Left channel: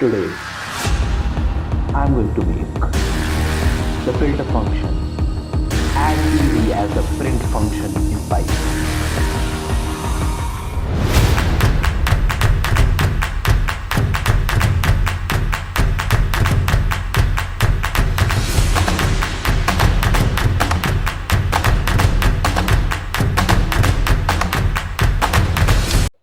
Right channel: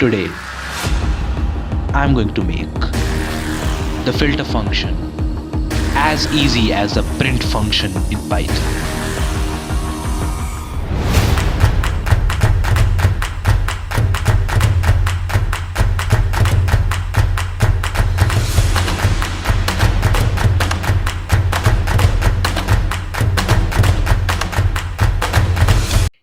Today, I'm going to make the filter function as easy as the print function in Python.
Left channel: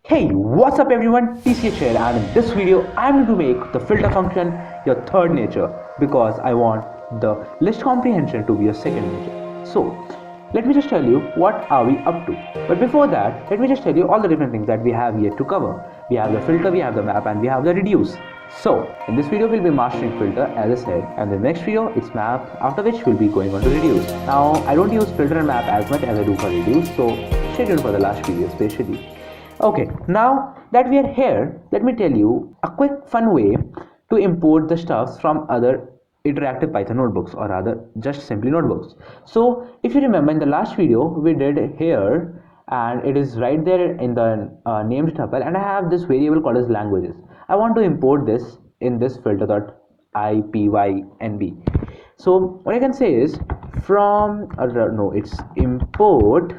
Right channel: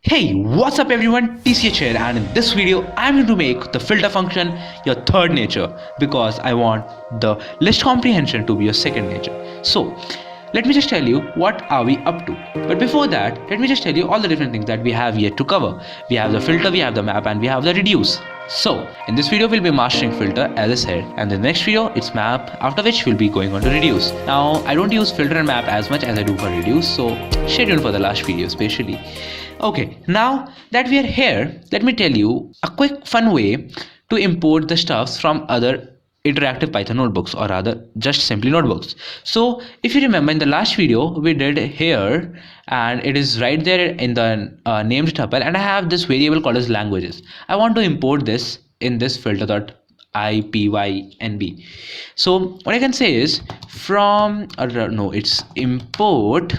Hey, what's up everyone, TCH here, and in this video I'm going to make the filter function your third nature because I want the list comprehension to be your second nature. So let me just tell you what are we up to. But before that, let me just tell you all the different things that we have yet to cover. We have the filter, we have the map, and we have the reduce. So in this video we'll be mastering filter as I said, and the next video it's map, after which we'll be going on to reduce. Now I don't use filter and map as much as I do for reduce, so stay tuned for the last video especially. Okay, now that we are here, let me tell you a quick fun way to import the stuffs from other interactive Python notebooks, or rather just simply notebooks. So if you remember in the last video we did here, and it is right there in the named tuple, and I have this variable called as languages. I want to import this in this filter.ipynb. So what I can say is from it's import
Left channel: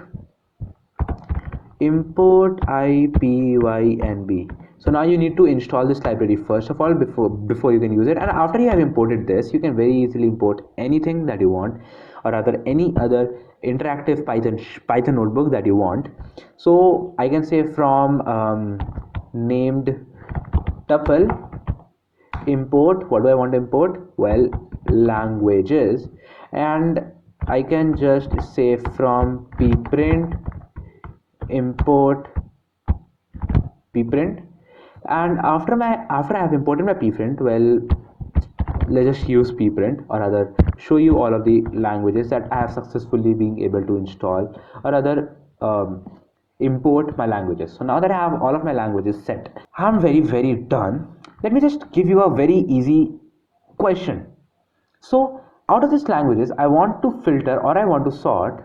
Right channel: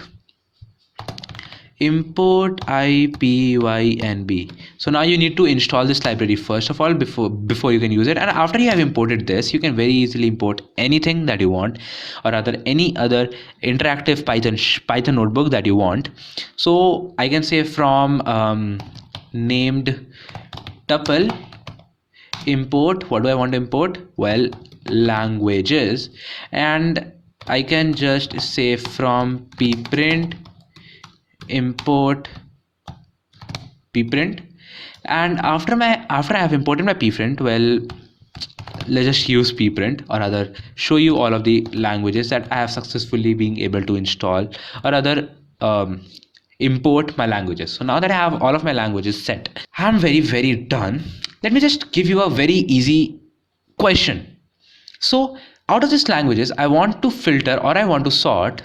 ipynb. So now you need to install this library first of all before you can use it, and after you have imported this, you can very easily import anything that you want, or rather any other interactive Python notebook that you want. So I can say from named tuple import, what do I want to import? Well, languages, and I can just say from pprint import pprint, and after I have imported my pprint, well, let's just use pprint, or rather show you all of the languages that I have successfully been able to install, or rather import my languages. So now that I have all of my languages set, I'm very done. Let me just give you a very easy question. So out of these languages I want to filter, or I want to sort.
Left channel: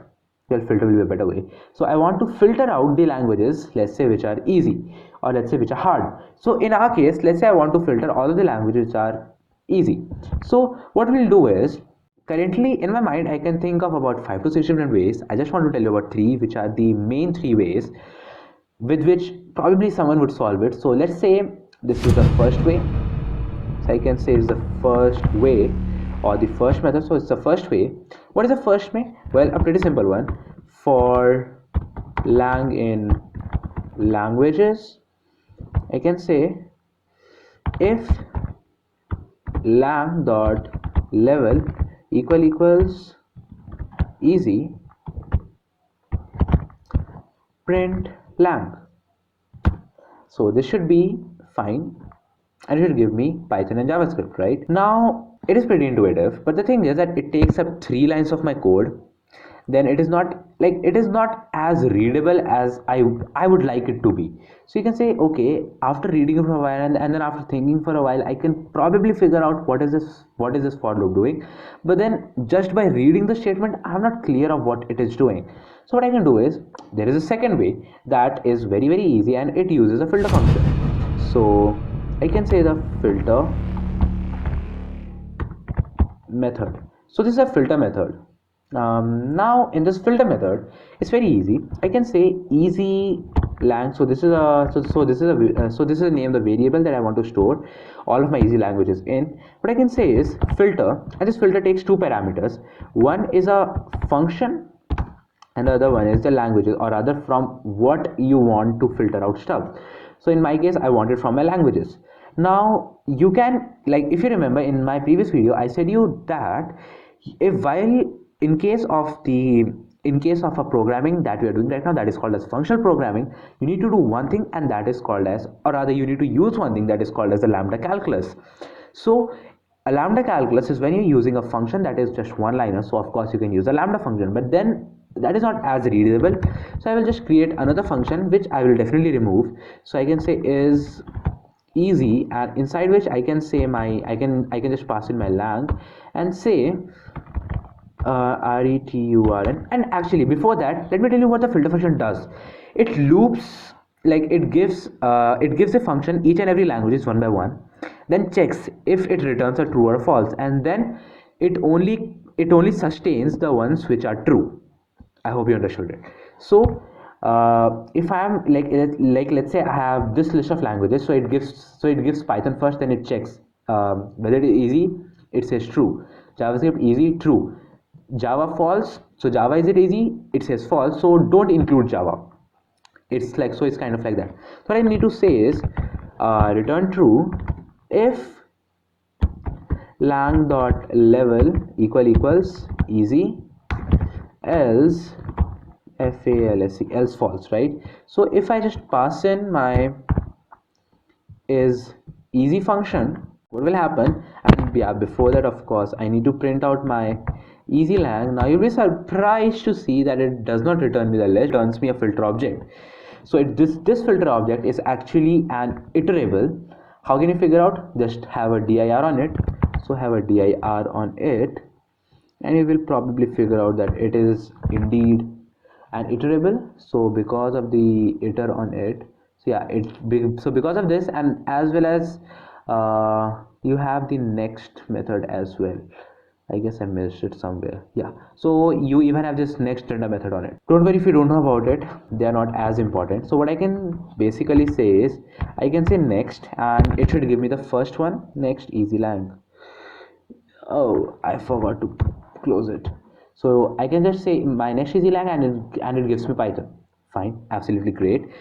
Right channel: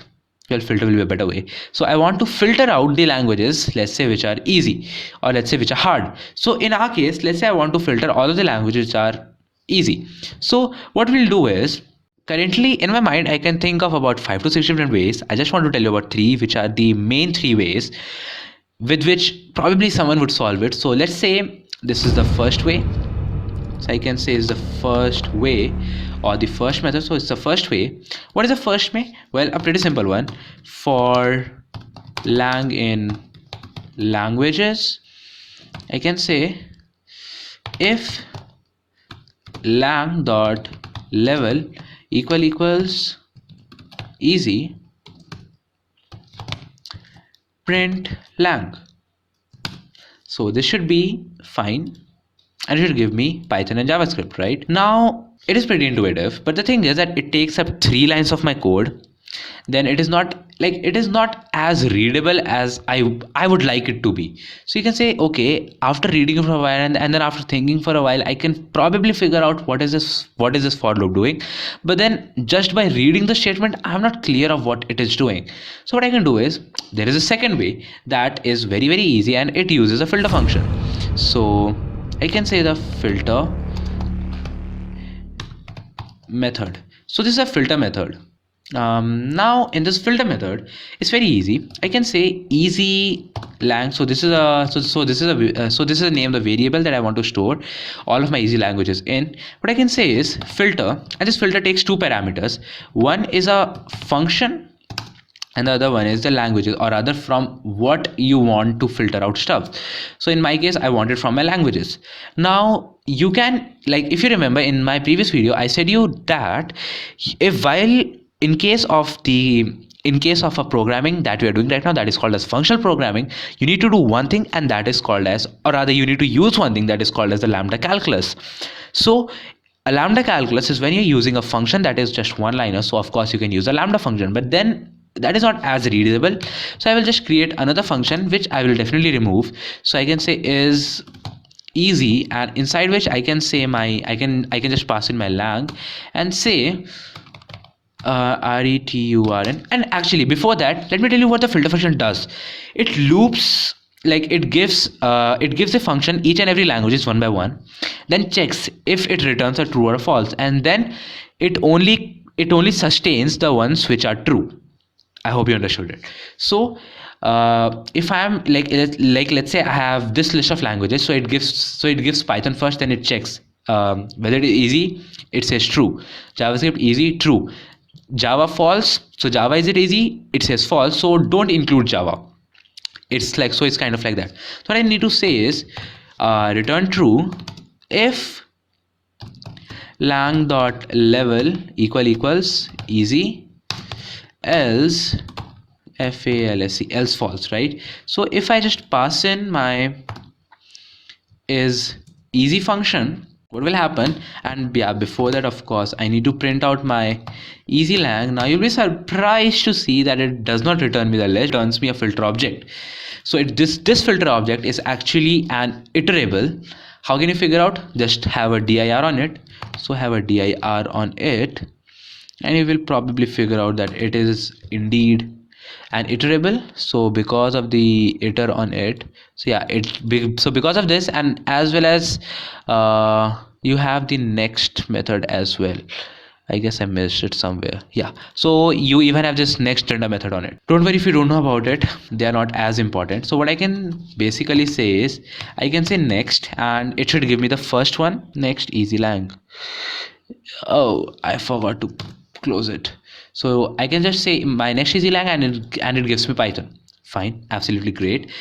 Well, filter will be a better way. So I want to filter out the languages, let's say, which are easy, or let's say which are hard. So in our case, let's say I want to filter all of the languages which are easy. So what we'll do is, currently in my mind I can think of about 5 to 6 different ways. I just want to tell you about 3, which are the main 3 ways with which probably someone would solve it. So let's say this is the first way. So I can say is the first way, or the first method. So it's the first way. What is the first way? Well, a pretty simple one. For lang in languages, I can say if lang dot level equals easy, print lang. So this should be fine, and it should give me Python and JavaScript. Right now it is pretty intuitive, but the thing is that it takes up 3 lines of my code. Then it is not as readable as I would like it to be. So you can say, okay, after reading it for a while, and then after thinking for a while, I can probably figure out what is this for loop doing. But then just by reading the statement, I'm not clear of what it is doing. So what I can do is, there is a second way that is very easy, and it uses a filter function. So I can say the filter method. So this is a filter method. Now in this filter method, it's very easy. I can say easy lang. So this is a this is the name of the variable that I want to store all of my easy languages in. What I can say is filter, and this filter takes 2 parameters. One is a function, and the other one is the languages, or rather from what you want to filter out stuff. So in my case, I want it from my languages. Now you can, like, if you remember in my previous video, I said you that if while in case of a programming that we are doing right now, that is called as functional programming, you need to do one thing, and that is called as, or rather you need to use one thing that is called as the lambda calculus. So a lambda calculus is when you're using a function that is just one liner. So of course you can use a lambda function, but then that is not as readable. So I will just create another function which I will definitely remove. So I can say is easy, and inside which I can say I can just pass in my lang and say return. And actually before that, let me tell you what the filter function does. It loops, like it gives a function each and every languages one by one, then checks if it returns a true or a false, and then it only sustains the ones which are true. I hope you understood it. So if I am like let's say I have this list of languages, so it gives Python first, then it checks whether it is easy, it says true. JavaScript easy, true. Java false, so Java is it easy, it says false, so don't include Java. It's kind of like that. So what I need to say is return true if lang dot level equals easy, else else false, right? So if I just pass in my is easy function, what will happen? And yeah, before that, of course, I need to print out my easy lang. Now you'll be surprised to see that it does not return me the list, it returns me a filter object. So this filter object is actually an iterable. How can you figure out? Just have a dir on it. So have a dir on it, and you will probably figure out that it is indeed an iterable. So because of the iter on it, so yeah, so because of this, and as well as you have the next method as well. I guess I missed it somewhere. Yeah, so you even have this next render method on it. Don't worry if you don't know about it, they are not as important. So what I can basically say is I can say next, and it should give me the first one, next easy lang. Oh, I forgot to close it. So I can just say my next easy lang, and it gives me Python. Fine, absolutely great.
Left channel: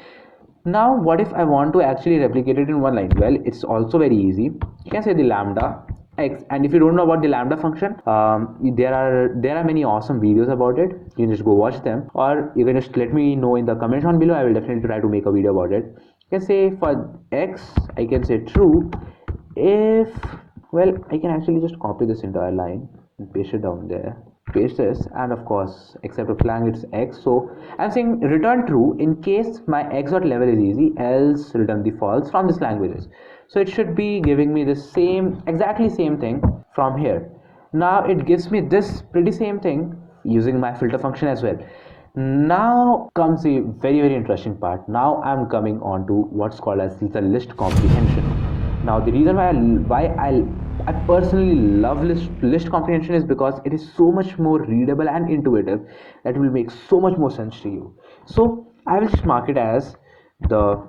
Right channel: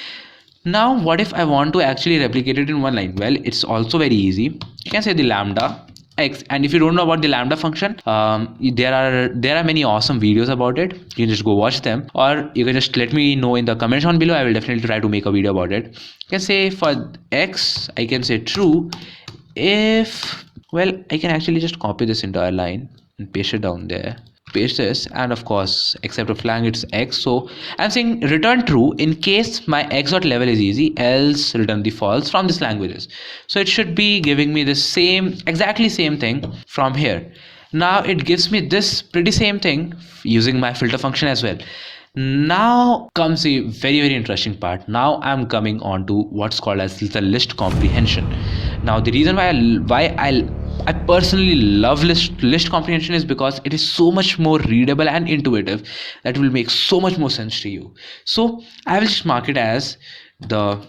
Now what if I want to actually replicate it in one line? Well, it's also very easy. You can say the lambda x, and if you don't know about the lambda function, there are many awesome videos about it. You can just go watch them, or you can just let me know in the comments down below. I will definitely try to make a video about it. You can say for x, I can say true if, well, I can actually just copy this entire line and paste it down there, paste this, and of course except of lang it's x. So I'm saying return true in case my x dot level is easy, else return the false from this languages. So it should be giving me the exactly same thing from here. Now it gives me this pretty same thing using my filter function as well. Now comes a very interesting part. Now I'm coming on to what's called as the list comprehension. Now the reason why I personally love list comprehension is because it is so much more readable and intuitive that will make so much more sense to you. So I will just mark it as the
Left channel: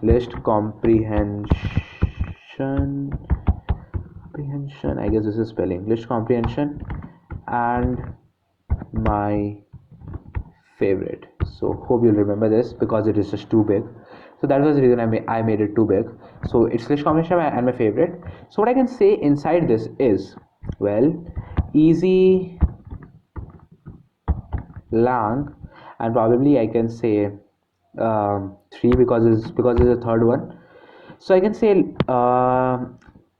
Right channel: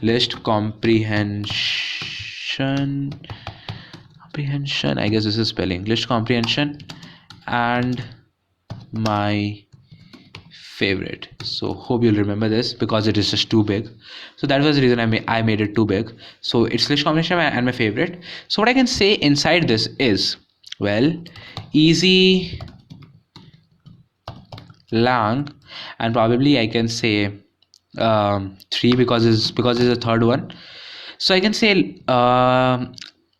list comprehension. I guess this is spelling list comprehension, and my favorite. So hope you'll remember this because it is just too big. So that was the reason I made it too big. So it's list combination and my favorite. So what I can say inside this is, well, easy lang, and probably I can say 3 because it's the third one. So I can say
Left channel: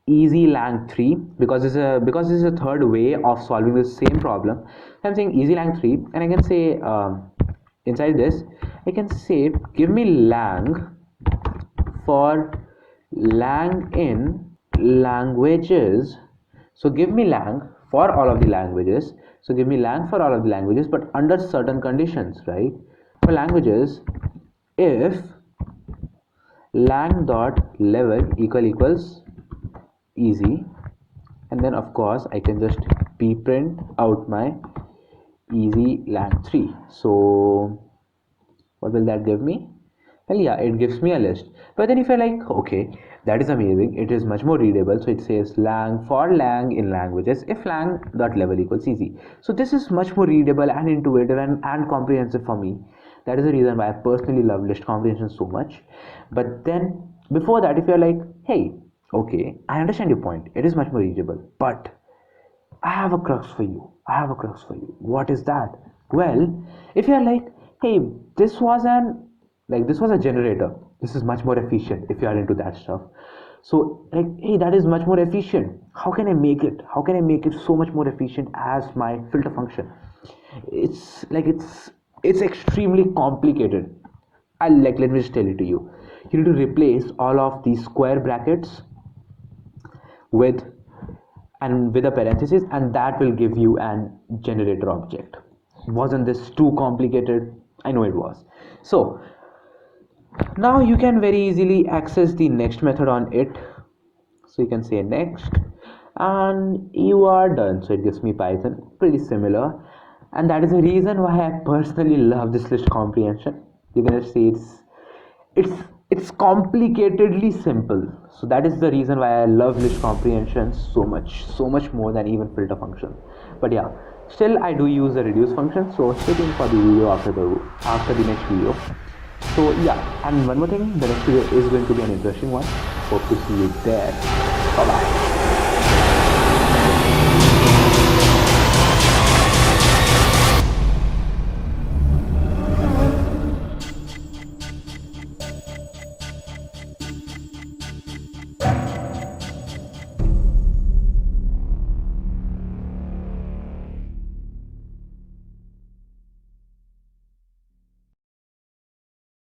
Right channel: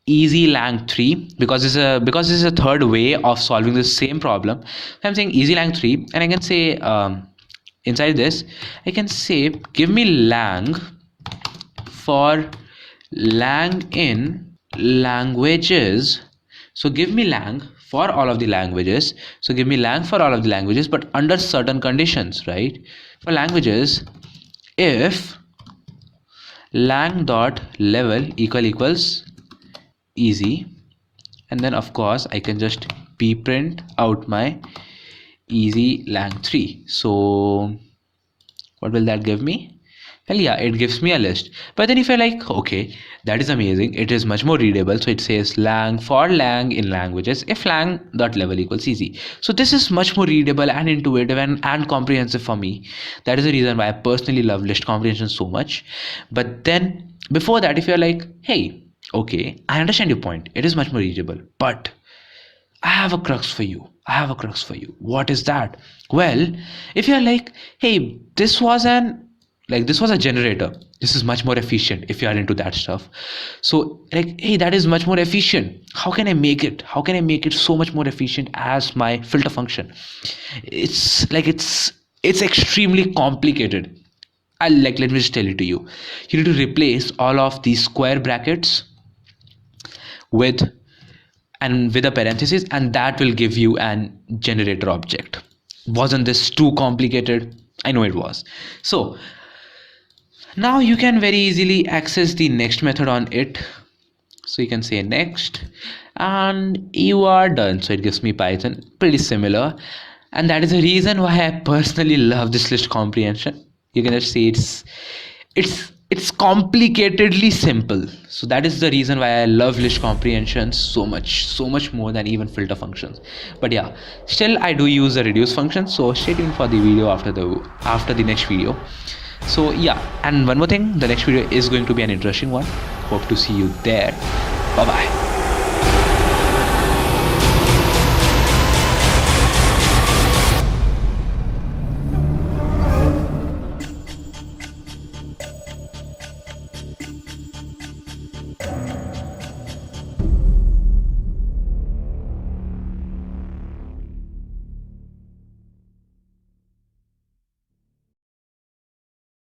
easy lang 3 because this is a third way of solving the same problem. I'm saying easy lang 3, and I can say inside this I can say give me lang for lang in languages. So give me lang for all of the languages. So give me lang for all of the languages, but under certain conditions, right? For languages, if lang dot level equals easy, and then of course I can just print out my easy lang 3. So what will that give me? Well, yeah, it gives me a list. But then if you're like, okay, that is amazing, it is much more readable, so it says lang for lang in languages if lang dot level equals easy. So this is much more readable and intuitive and comprehensive for me. That is the reason why I personally love list comprehension so much. But then before that, if you're like, hey, okay, I understand your point, it is much more readable, but I have a crux for you. What is that? Well, if you're like, hey, this was a generator, this is much more efficient, if you are into that stuff. So like, hey, that is much more efficient, how can I make it so much more efficient as my filter function? It's extremely complicated. Let me just tell it to you. You need to replace all of these square brackets with a parenthesis, and that will give you an generator object. Wasn't this too complicated? I know it was. So now you can very easily access the next method on it. So you can say next, and you are done. So it gives me Python, pretty similar. And that is the reason why I personally love this list comprehension. You can just say it's complicatedly simple. So that is the reason why I love list comprehension so much more than even filter functions. But yeah, still I do use the reduce function. So stay tuned for the video after the next video. So yeah, and one more thing, the next video is going to be an interesting one. Hope to see you there. Bye bye.